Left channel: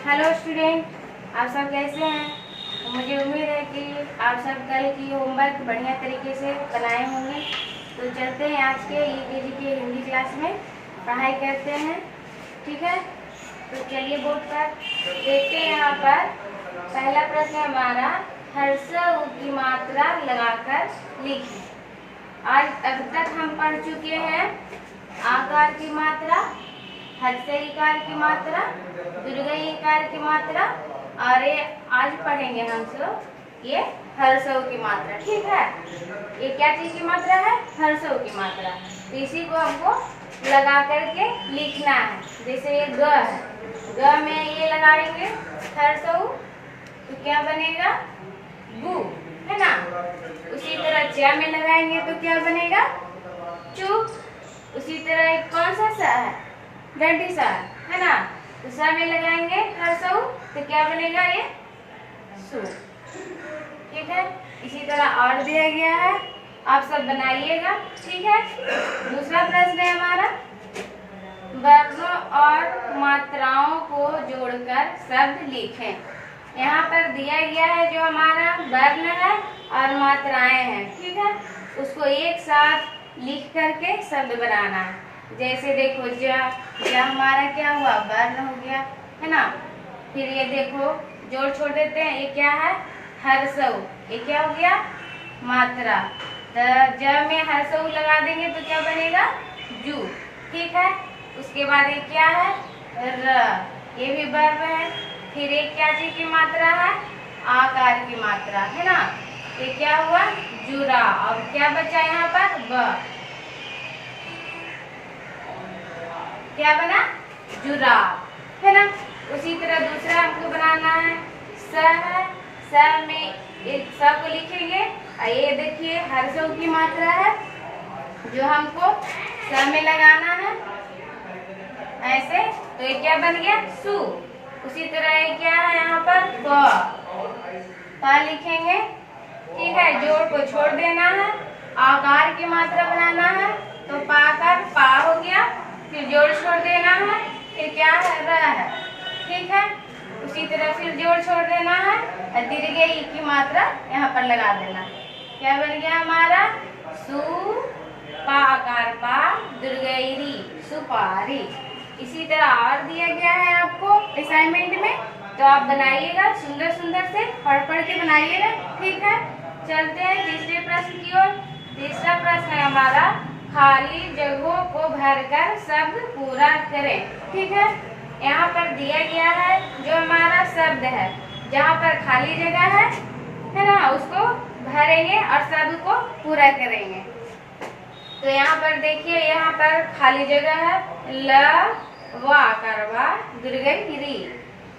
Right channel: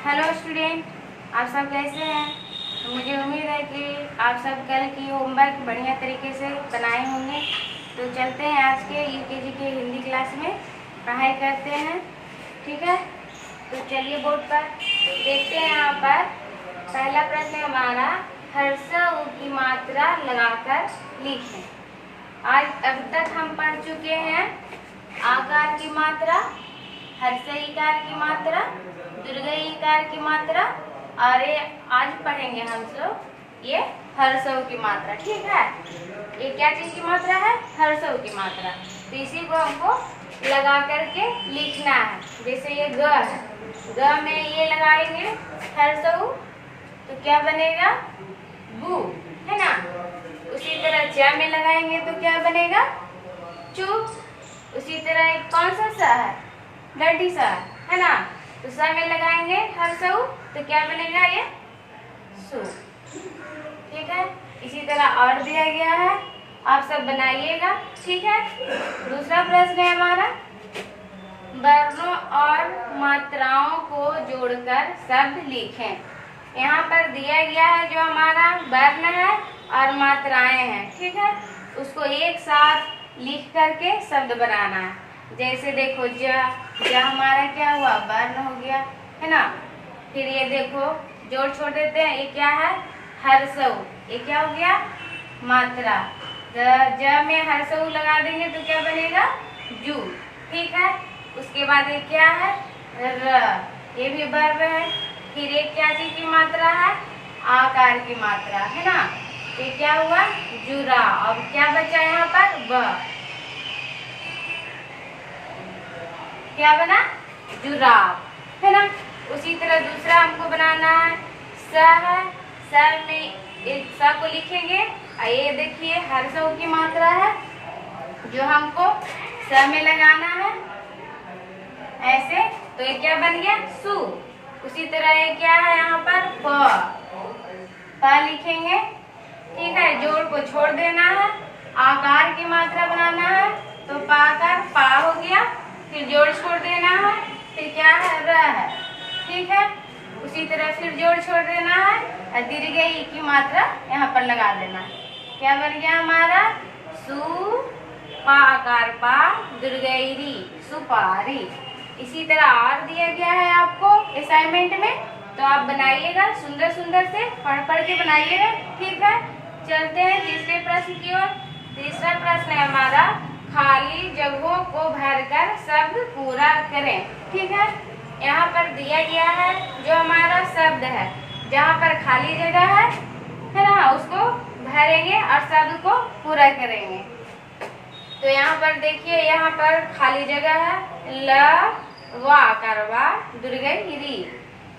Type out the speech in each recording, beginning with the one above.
Hello student, आप सब कैसे हैं। मुझे उम्मीद है कि आप सब कल की होमवर्क बढ़िया तरीके से बनाए होंगे। तो चलते हैं आज के यूकेजी के हिंदी क्लास में पढ़ाई करते हैं। ठीक है, तो चलिए बोर्ड पर देखते हैं। यहाँ पर पहला प्रश्न है हमारा, हर्ष उ की मात्रा लगाकर लिखें। आज अब तक हम पढ़ चुके हैं आकार की मात्रा, हर्षई ईकार की मात्रा, दीर्घई ईकार की मात्रा, और ये आज पढ़ेंगे हम सब ये हर्षऊ की मात्रा। ठीक है, ये क्या चीज की मात्रा है? हर्षऊ की मात्रा। तो इसी को हमको लगा करके लिखना है। जैसे ये ग है, ग में ये लगाएंगे हर्षऊ तो क्या बनेगा? गु, है ना। उसी तरह च में लगाएंगे तो क्या बनेगा? चु। उसी तरह कौन सा है? डंडी सा, है ना। तो सा में लगाएंगे हर्षऊ तो क्या बनेगा? ये सु। ठीक है, इसी तरह और दिया गया है, आप सब बनाइएगा। ठीक है, दूसरा प्रश्न है हमारा, वर्णों और मात्राओं को जोड़कर शब्द लिखें। यहाँ पर दिया गया है जो हमारा वर्ण है और मात्राएं हैं। ठीक है, उसको एक साथ लिख करके शब्द बनाना है। जैसे देखो ज हमारा क्या हुआ? वर्ण हो गया, है ना। फिर ये देखो जोड़ छोड़ देते हैं, ये क्या है? हर्षऊ। ये क्या हो गया? मात्रा। ज में हर्षऊ लगा देंगे तो क्या बनेगा? जू। ठीक है, उसके बाद ये क्या है? र, ये भी वर्ण है। फिर एक क्या चीज की मात्रा है? आकार की मात्रा, है ना। ये क्या हुआ? जुरा। और क्या बचा यहाँ पर? ब। क्या बना? जुराब, है ना। उसी तरह दूसरा हमको बनाना है, स है। स में एक स को लिखेंगे और ये देखिए हर्षऊ की मात्रा है जो हमको स में लगाना है ऐसे। तो ये क्या बन गया? सु। उसी तरह ये क्या है यहाँ पर? प लिखेंगे। ठीक है, जोड़ को छोड़ देना है, आकार की मात्रा बनाना है तो पाकर पा हो गया। फिर जोड़ छोड़ देना है, फिर क्या है? र है। ठीक है, उसी तरह फिर जोड़ छोड़ देना है और दीर्घई की मात्रा यहाँ पर लगा देना है। क्या बन गया हमारा? सु पा आकार पा, दीर्घई री, सुपारी। इसी तरह और दिया गया है आपको असाइनमेंट में, तो आप बनाइएगा, सुंदर सुंदर से पढ़ पढ़ के बनाइएगा। ठीक है, चलते हैं तीसरे प्रश्न की ओर। तीसरा प्रश्न है हमारा, खाली जगहों को भरकर शब्द पूरा करें। ठीक है, यहाँ पर दिया गया है जो हमारा शब्द है, जहाँ पर खाली जगह है ना, उसको भरेंगे और शब्द को पूरा करेंगे। तो यहाँ पर देखिए, यहाँ पर खाली जगह है, ल वा करवा दीर्घई री,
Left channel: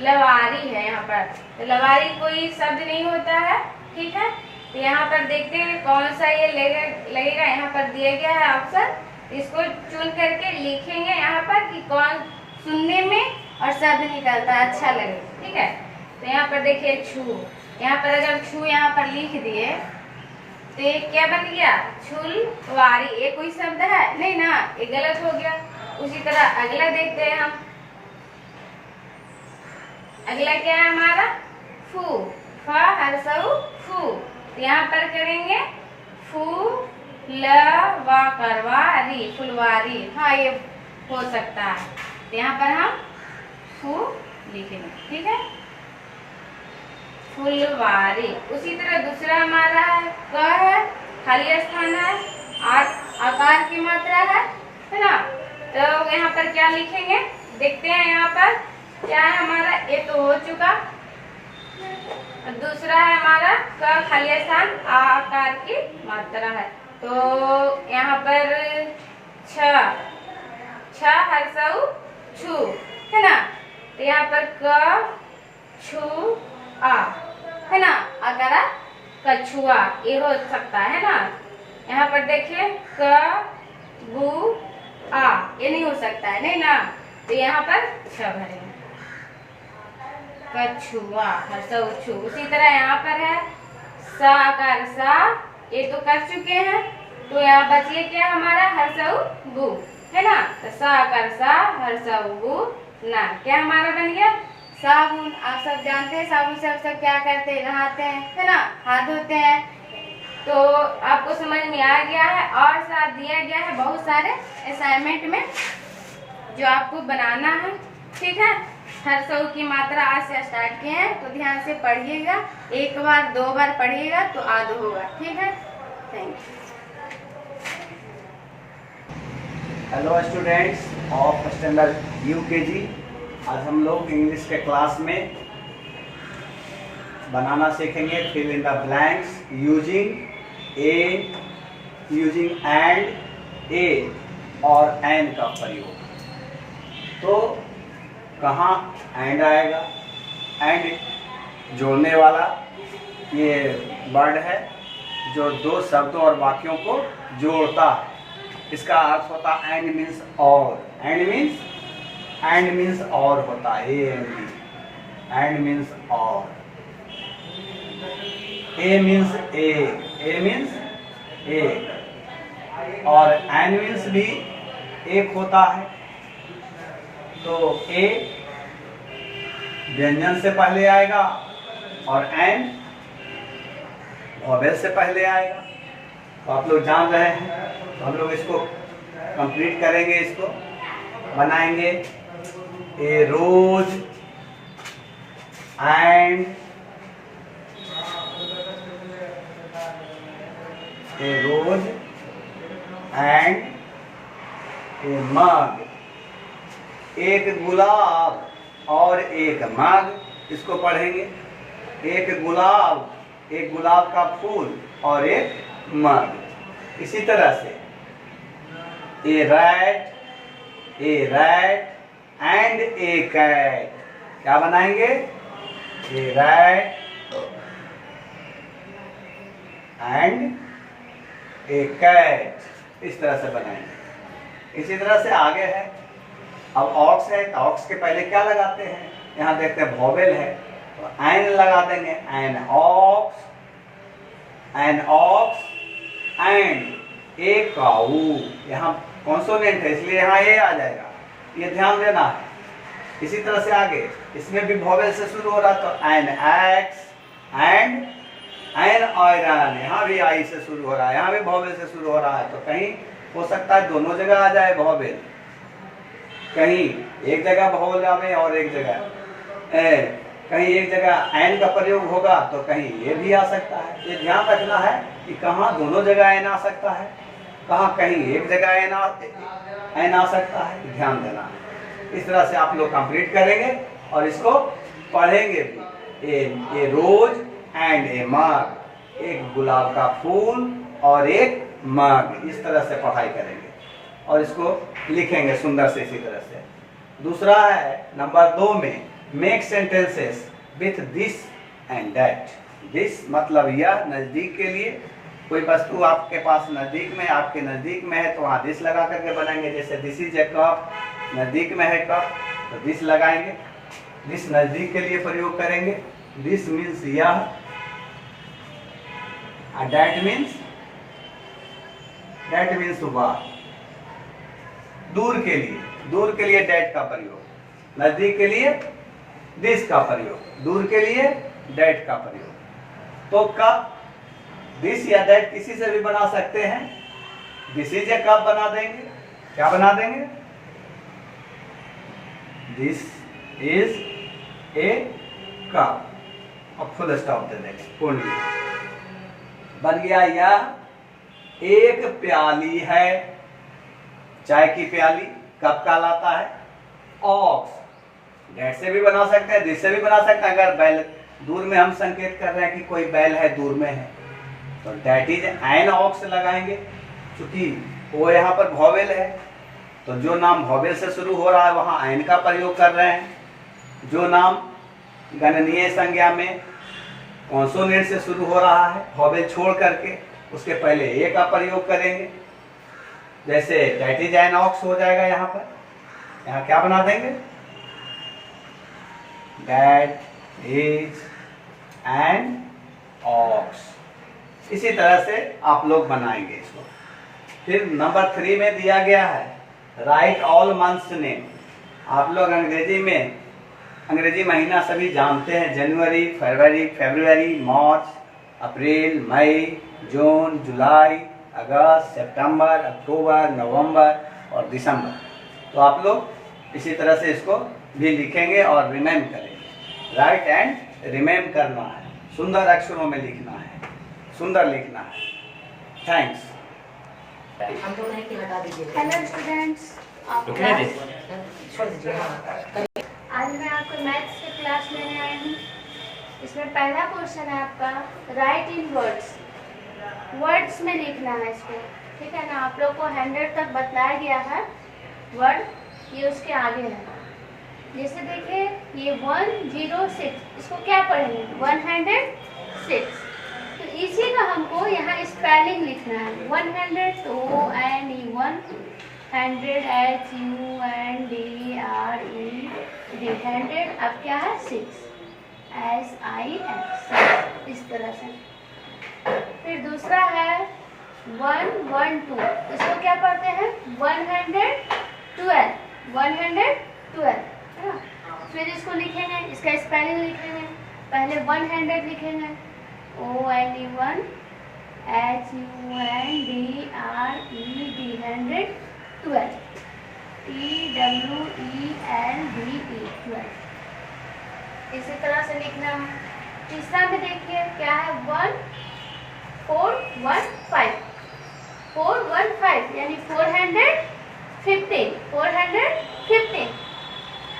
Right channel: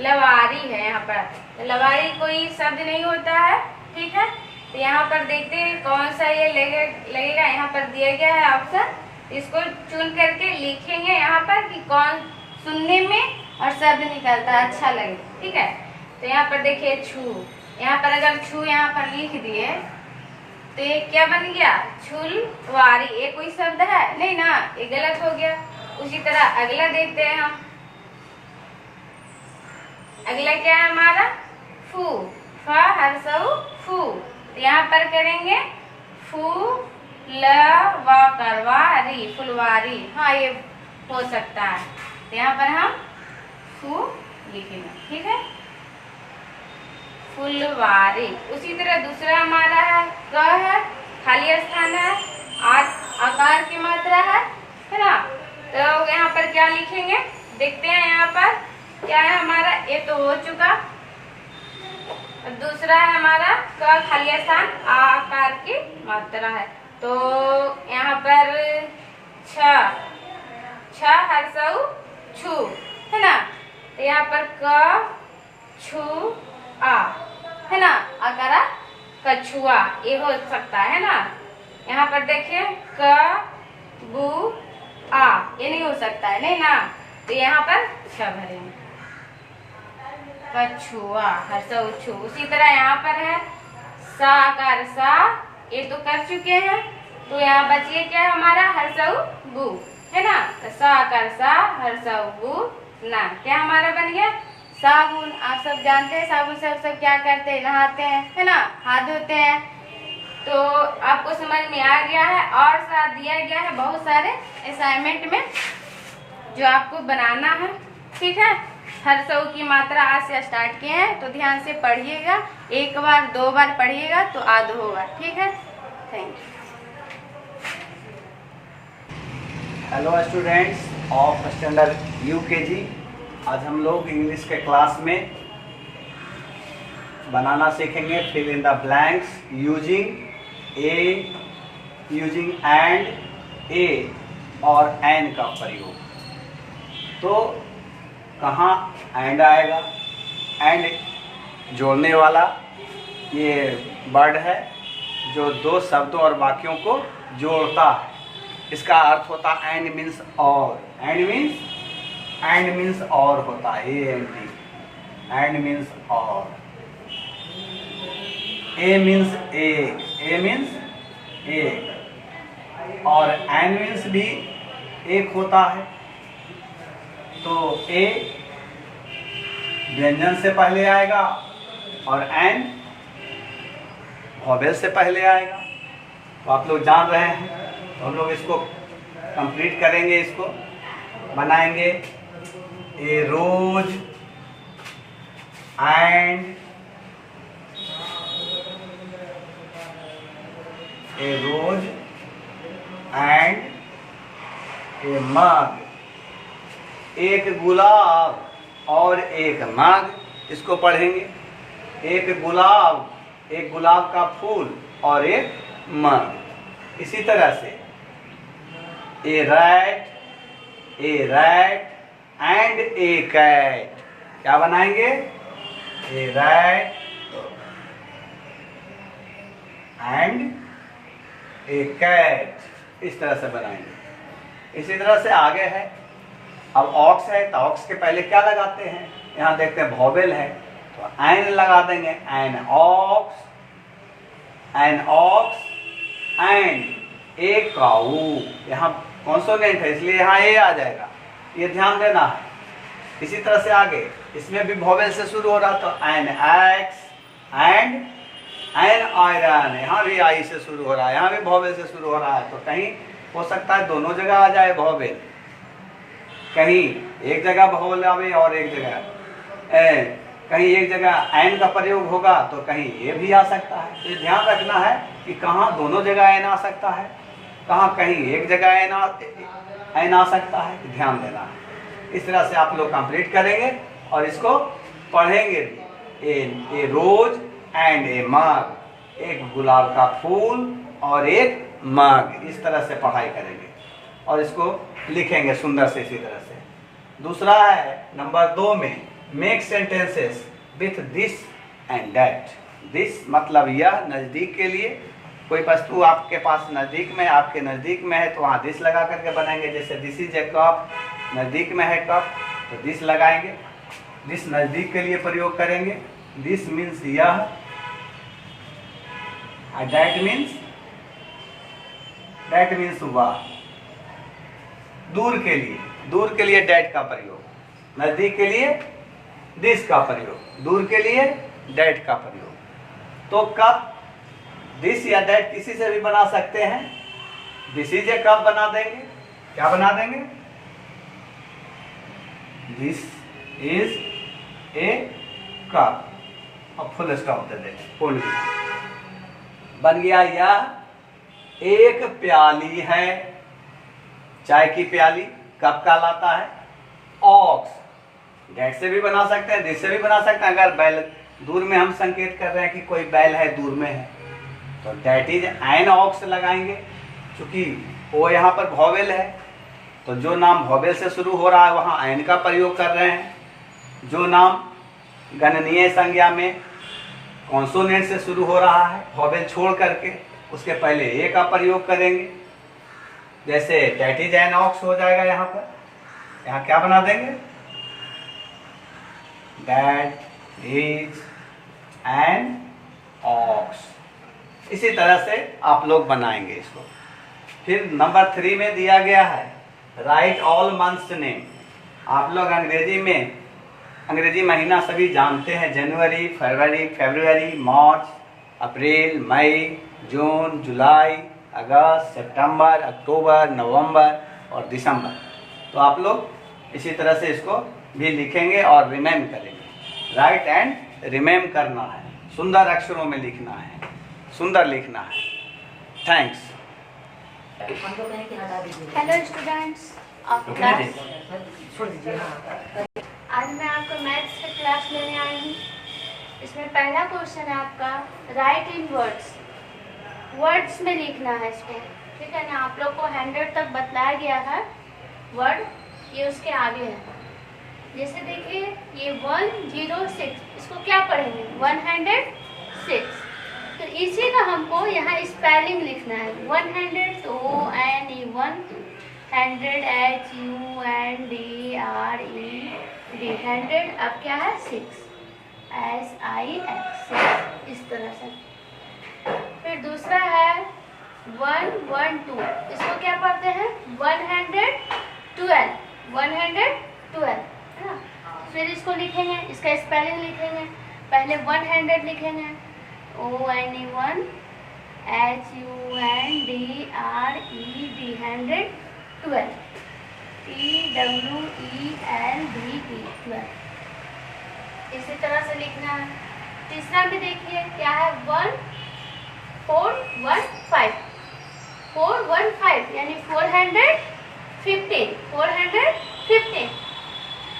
लवारी है यहाँ पर। तो लवारी कोई शब्द नहीं होता है। ठीक है, तो यहाँ पर देखते हैं कौन सा ये लगेगा। यहाँ पर दिया गया है ऑप्शन, इसको चुन करके लिखेंगे यहाँ पर कि कौन सुनने में और शब्द निकलता है, अच्छा लगे। ठीक है, तो यहाँ पर देखिए छू। यहाँ पर अगर छू यहाँ पर लिख दिए तो ये क्या बन गया? छुलवारी। ये कोई शब्द है नहीं ना, ये गलत हो गया। उसी तरह अगला देखते हैं हम। अगला क्या है हमारा? फू, फ हर्षऊ फू। तो यहाँ पर करेंगे फू ल वा करवा री, फुलवारी। हाँ, ये हो सकता है। तो यहाँ पर हम फू लिखेंगे। ठीक है, फुलवारी। उसी तरह दूसरा हमारा है क है, खाली स्थान है, आकार की मात्रा है ना। तो यहाँ पर क्या लिखेंगे देखते हैं। यहाँ पर क्या है हमारा? ये तो हो चुका। दूसरा है हमारा क खाली स्थान, आकार की मात्रा है। तो यहाँ पर छ हर्षऊ छु, है ना। तो यहाँ पर क छु आ, है ना, अगरा कछुआ, ये हो सकता है ना। यहाँ पर देखिए क गु आ, ये नहीं हो सकता है, नहीं ना। तो यहाँ पर छ भरेंगे, कछुआ हर्षऊ छु। उसी तरह यहाँ पर है सा आकार सा, ये तो कर चुके हैं। तो यहाँ बचिए क्या हमारा? हर्षऊ गु, है ना। तो सा आकार सा, हर्षऊ गु ना, क्या हमारा बन गया? साबुन, आप सब जानते हैं साबुन से आप सब क्या करते हैं, नहाते हैं, है ना, हाथ धोते हैं। तो आपको समझ में आ गया है और साथ दिया गया है बहुत सारे असाइनमेंट में जो आपको बनाना है, ठीक है। हर सौ की मात्रा आज से स्टार्ट किए हैं, तो ध्यान से पढ़िएगा, एक बार दो बार पढ़िएगा तो आदि होगा, ठीक है। Thank you. Hello students of standard UKG. आज हम लोग इंग्लिश के क्लास में बनाना सीखेंगे fill in the blanks using and a और एन का प्रयोग। तो कहाँ एंड आएगा? एंड जोड़ने वाला ये वर्ड है जो दो शब्दों और वाक्यों को जोड़ता है। इसका अर्थ होता है एंड मीन्स और। एंड मीन्स और होता है एंड मीन्स और। ए मीन्स ए और एंड मीन्स भी एक होता है। तो ए व्यंजन से पहले आएगा और एन वॉवेल से पहले आएगा। तो आप लोग जान रहे हैं, हम लोग इसको कंप्लीट करेंगे, इसको बनाएंगे। ए रोज एंड ए मग। एक गुलाब और एक मग, इसको पढ़ेंगे। एक गुलाब का फूल और एक मग। इसी तरह से ए रैट एंड ए कैट। क्या बनाएंगे? ए रैट एंड ए कैट, इस तरह से बनाएंगे। इसी तरह से आगे है। अब ऑक्स है तो ऑक्स के पहले क्या लगाते हैं? यहाँ देखते हैं वॉवेल है तो एन लगा देंगे। एन ऑक्स एंड ए काऊ। यहाँ कॉन्सोनेंट है इसलिए यहाँ ए आ जाएगा, ये ध्यान देना है। इसी तरह से आगे इसमें भी वॉवेल से शुरू हो रहा तो N X and N iron, यहाँ भी आई से शुरू हो रहा है, यहाँ भी वॉवेल से शुरू हो रहा है। तो कहीं हो सकता है दोनों जगह आ जाए वॉवेल, कहीं एक जगह वॉवेल आवे और एक जगह कहीं एक जगह एन का प्रयोग होगा तो कहीं ये भी आ सकता है। तो ध्यान रखना है कि कहाँ दोनों जगह एन आ सकता है, कहाँ कहीं एक जगह एन आ सकता है, ध्यान देना है। इस तरह से आप लोग कंप्लीट करेंगे और इसको पढ़ेंगे भी। ए रोज एंड ए मग, एक गुलाब का फूल और एक मग, इस तरह से पढ़ाई करेंगे और इसको लिखेंगे सुंदर से इसी तरह से। दूसरा है नंबर 2 में make sentences with this and that. This मतलब यह, नजदीक के लिए। कोई वस्तु आपके पास नजदीक में, आपके नजदीक में है तो वहाँ दिस लगा करके बनाएंगे। जैसे दिस इज ए कप, नजदीक में है कप तो दिस लगाएंगे। दिस नजदीक के लिए प्रयोग करेंगे। दिस मीन्स यह, दैट मीन्स वह। दूर के लिए दैट का प्रयोग, नजदीक के लिए दिस का प्रयोग, दूर के लिए दैट का प्रयोग। तो कप, दिस या दैट किसी से भी बना सकते हैं। दिस इज ए कप बना देंगे। क्या बना देंगे? दिस इज ए कप, अब फुल स्टॉप दे देंगे, पूर्ण बन गया। यह एक प्याली है, चाय की प्याली, कप कहलाता है। ऑक्स, डेट से भी बना सकते हैं, दिस से भी बना सकते हैं। अगर बैल दूर में हम संकेत कर रहे हैं कि कोई बैल है दूर में है तो डेट इज एन ऑक्स लगाएंगे। चूंकि वो यहाँ पर वॉवेल है तो जो नाम वॉवेल से शुरू हो रहा है वहाँ एन का प्रयोग कर रहे हैं। जो नाम गणनीय संज्ञा में कॉन्सोनेंट से शुरू हो रहा है वॉवेल छोड़ करके, उसके पहले ए का प्रयोग करेंगे। जैसे डेट इज एन ऑक्स हो जाएगा, यहाँ पर यहाँ क्या बना देंगे? That is an ox. इसी तरह से आप लोग बनाएंगे इसको। फिर नंबर 3 में दिया गया है राइट ऑल मंथ्स नेम। आप लोग अंग्रेजी में अंग्रेजी महीना सभी जानते हैं, जनवरी, फरवरी, मार्च, अप्रैल, मई, जून, जुलाई, अगस्त, सितंबर, अक्टूबर, नवंबर और दिसंबर। तो आप लोग इसी तरह से इसको भी लिखेंगे और रिमेम करेंगे। राइट एंड रिमेम करना है, सुंदर अक्षरों में लिखना है, सुंदर लिखना है। थैंक्स। हेलो स्टूडेंट्स, आज मैं आपको मैथ्स की क्लास लेने आई हूँ। इसमें पहला क्वेश्चन है आपका राइट इन वर्ड्स। वर्ड्स में लिखना है इसको, ठीक है ना। आप लोग को 100 तक बतलाया गया है वर्ड, ये उसके आगे है। जैसे देखिए ये 106, इसको क्या पढ़ेंगे 106। तो इसी का हमको यहाँ स्पेलिंग लिखना है। 100 तो ONE 100 HUNDRED 100। अब क्या है 6 SIX, इस तरह से। फिर दूसरा है 112, इसको क्या पढ़ते हैं 112 है ना। फिर इसको लिखेंगे, इसका स्पेलिंग लिखेंगे। पहले 100 लिखेंगे ONE 1 HUNDRED 100 12 TWELDE 12। इसी तरह से लिखना है। तीसरा में देखिए क्या है 415 यानी 415।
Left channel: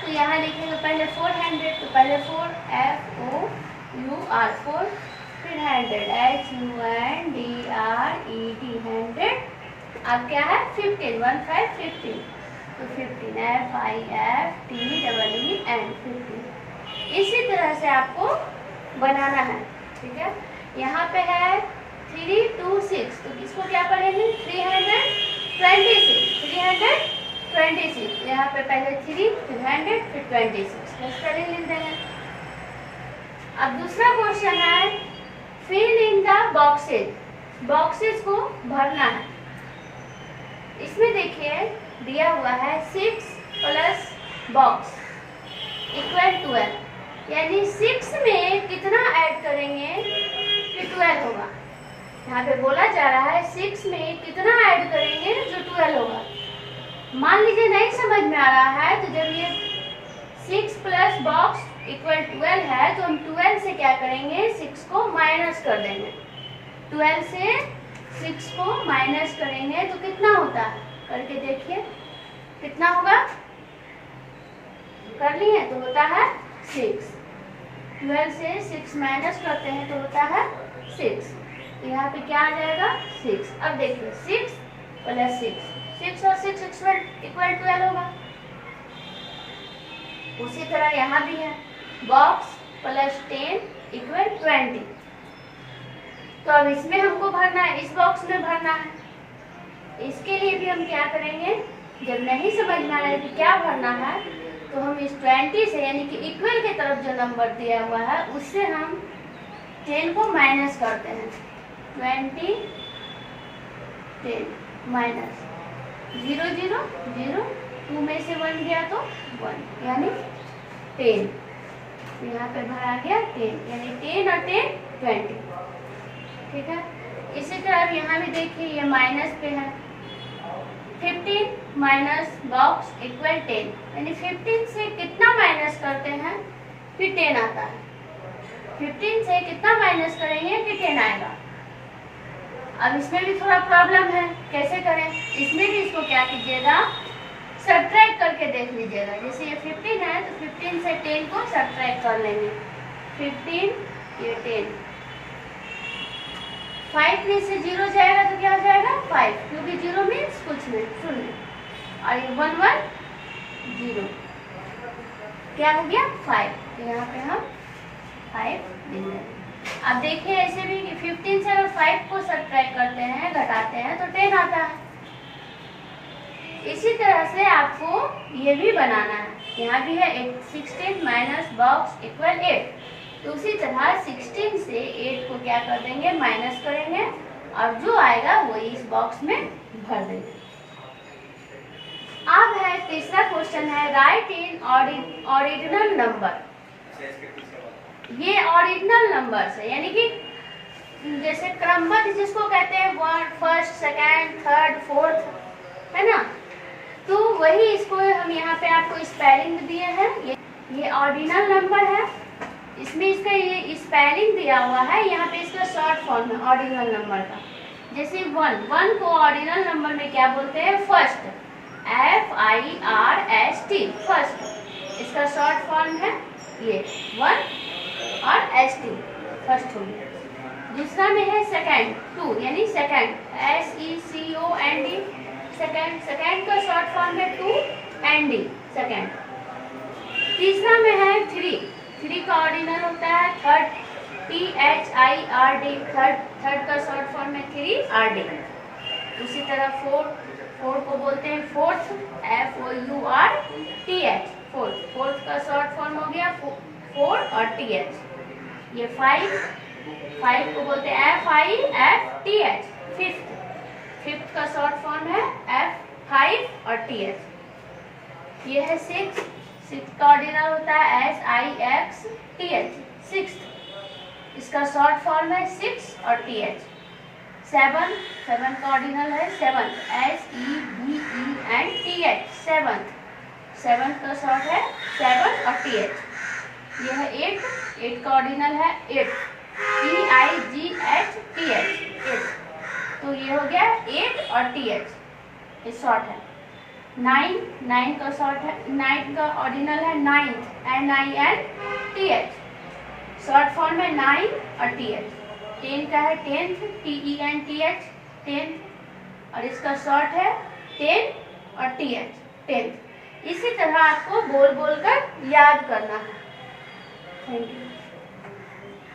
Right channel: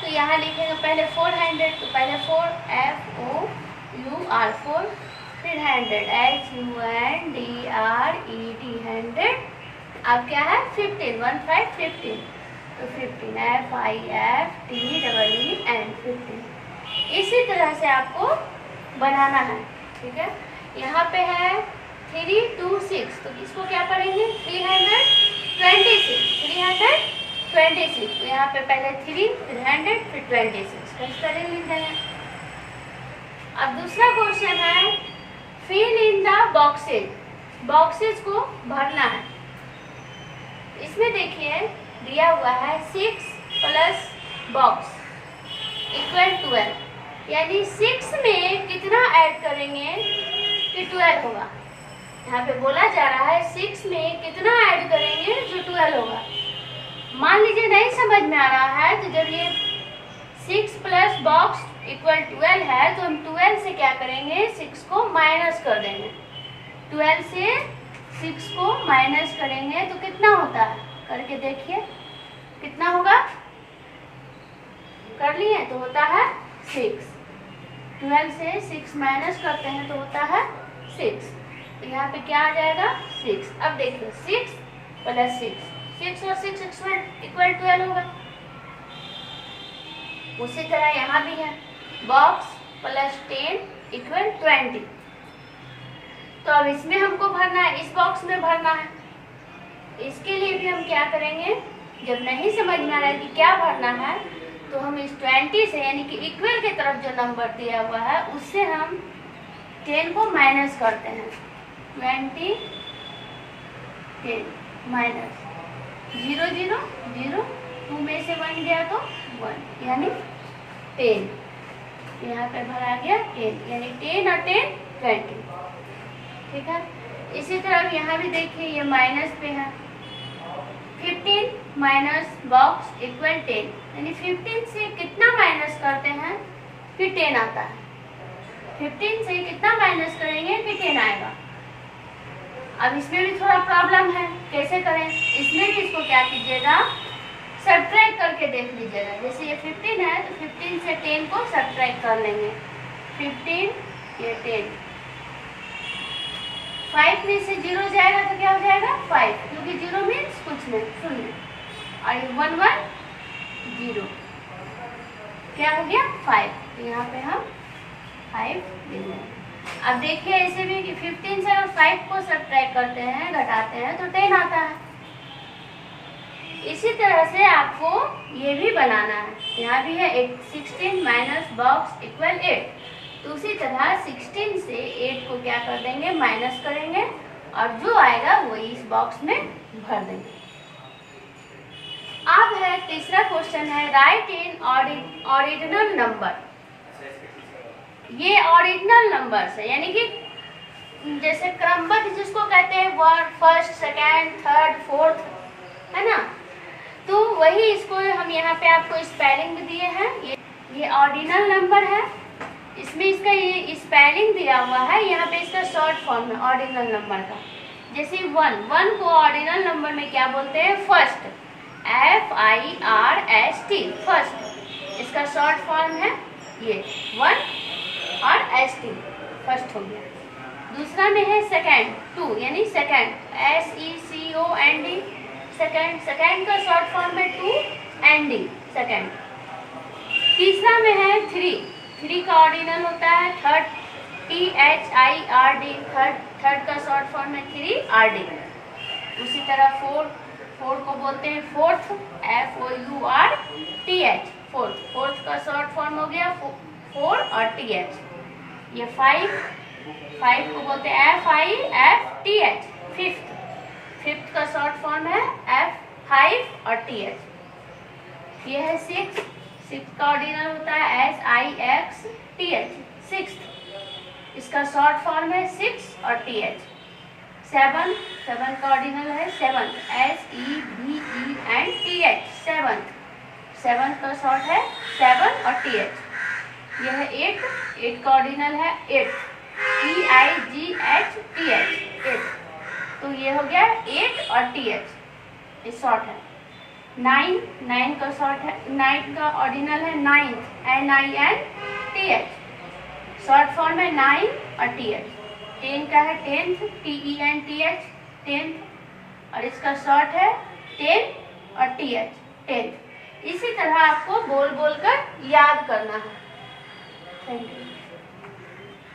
तो यहाँ लिखेंगे पहले 400, तो पहले 4 FOUR 4, फिर 100 HUNDRED 100। अब क्या है 15 15। तो 15 FIFTEEN 15। इसी तरह से आपको बनाना है, ठीक है। यहाँ पे है 326, तो इसको क्या पढ़ेंगे 326। तो यहाँ पे पहले 3, फिर 100, फिर 26 का स्पेलिंग लिख देंगे। अब दूसरा क्वेश्चन है फिल इन द बॉक्सेस को भरना है। इसमें देखिए दिया हुआ है 6 प्लस बॉक्स इक्वल 12, यानी 6 में कितना ऐड करेंगे कि 12 होगा। यहाँ पे बोला जा रहा है 6 में कितना ऐड करेंगे जो 12 होगा। मान लीजिए नहीं समझ में आ रहा है, तो जब ये 6 प्लस बॉक्स इक्वल 12 है, तो हम 12 से क्या करेंगे 6 को माइनस कर देंगे। 12 से 6 को माइनस करेंगे तो कितना होता है, करके देखिए कितना होगा। कर लिए तो होता है 6। 12 से 6 माइनस करते हैं तो होता है 6। यहाँ पे क्या आ जाएगा 6। अब देखिए 6 प्लस 6 और 6 इक्वल 12 होगा। उसी तरह यहाँ भी है बॉक्स प्लस 10 इक्वल 20। तो अब इसमें हमको भरना है, इस बॉक्स में भरना है। इसके लिए भी हम क्या करेंगे, जब नहीं समझ में आ रहा है कि क्या भरना है, तो हम इस 20 से यानी कि इक्वल की तरफ जो नंबर दिया हुआ है उससे हम 10 को माइनस करते हैं। 20 10 माइनस 0 0 0, 2 में से 1 गया तो 1 यानी 10। यहाँ पे भरा गया 10, यानी 10 और 10 20, ठीक है। इसी तरह यहाँ भी देखिए ये माइनस पे है। 15 माइनस बॉक्स इक्वल 10, यानी 15 से कितना माइनस करते हैं फिर 10 आता है। 15 से कितना माइनस करेंगे फिर 10 आएगा। अब इसमें भी थोड़ा प्रॉब्लम है, कैसे करें। इसमें भी इसको क्या कीजिएगा सब्ट्रैक्ट करके देख लीजिएगा। जैसे ये 15 है तो 15 से 10 को सब्ट्रैक्ट कर लेंगे। 15 ये 10, 5 में से 0 जाएगा तो क्या हो जाएगा 5, क्योंकि 0 मीन्स कुछ नहीं, शून्य। और ये 1 1 0 क्या हो गया 5। तो यहाँ पे हम 5 लिख देंगे। अब देखिए ऐसे भी कि 15 से अगर 5 को सब्ट्रैक्ट करते हैं, घटाते हैं तो 10 आता है। इसी तरह से आपको ये भी बनाना है। यहाँ भी है 16 माइनस बॉक्स इक्वल 8। तो उसी तरह 16 से 8 को क्या कर देंगे माइनस करेंगे, और जो आएगा वही इस बॉक्स में भर देंगे। अब है तीसरा क्वेश्चन है राइट इन ऑर्डिनल नंबर। ये ऑर्डिनल नंबर्स है, यानी कि जैसे क्रमबद्ध जिसको कहते हैं, फर्स्ट, सेकेंड, थर्ड, फोर्थ, है ना। तो वही इसको हम यहाँ पे आपको स्पेलिंग दिए हैं। ये ऑर्डिनल नंबर है, इसमें इसका ये स्पेलिंग दिया हुआ है, यहाँ पे इसका शॉर्ट फॉर्म है ऑर्डिनल नंबर का। जैसे वन को ऑर्डिनल नंबर में क्या बोलते हैं? First, FIRST, first. इसका शॉर्ट फॉर्म है ये 1 और ST, फर्स्ट हो गया। दूसरा में है सेकेंड, 2 यानी सेकेंड, SECOND, सेकेंड। सेकेंड का शॉर्ट फॉर्म है 2ND, सेकेंड। तीसरा में है 3 का ऑर्डिनल होता है थर्ड, THIRD, थर्ड का शॉर्ट फॉर्म है 3RD। उसी तरह 4 को बोलते हैं फोर्थ, FOURTH, फोर्थ का शॉर्ट फॉर्म हो गया 4 और TH। ये 5 को बोलते हैं FIFTH, फिफ्थ का शॉर्ट फॉर्म है F5 और TH। ये है 6 का ऑर्डिनल होता है SIXTH, सिक्स्थ। इसका शॉर्ट फॉर्म है 6 और TH। 7 का ऑर्डिनल है सेवंथ, SEVENTH, सेवंथ का शॉर्ट है 7 और TH। यह है 8 का ऑर्डिनल है 8, EIGHTH, 8। तो ये हो गया 8 और TH, ये शॉर्ट है। 9 का शॉर्ट है, 9 का ऑर्डिनल है नाइन्थ, NINTH, शॉर्ट फॉर्म है 9 और TH। 10 का है 10th, TENTH, 10th, और इसका शॉर्ट है 10 और TH, 10th। इसी तरह आपको बोल कर याद करना है। Thank you.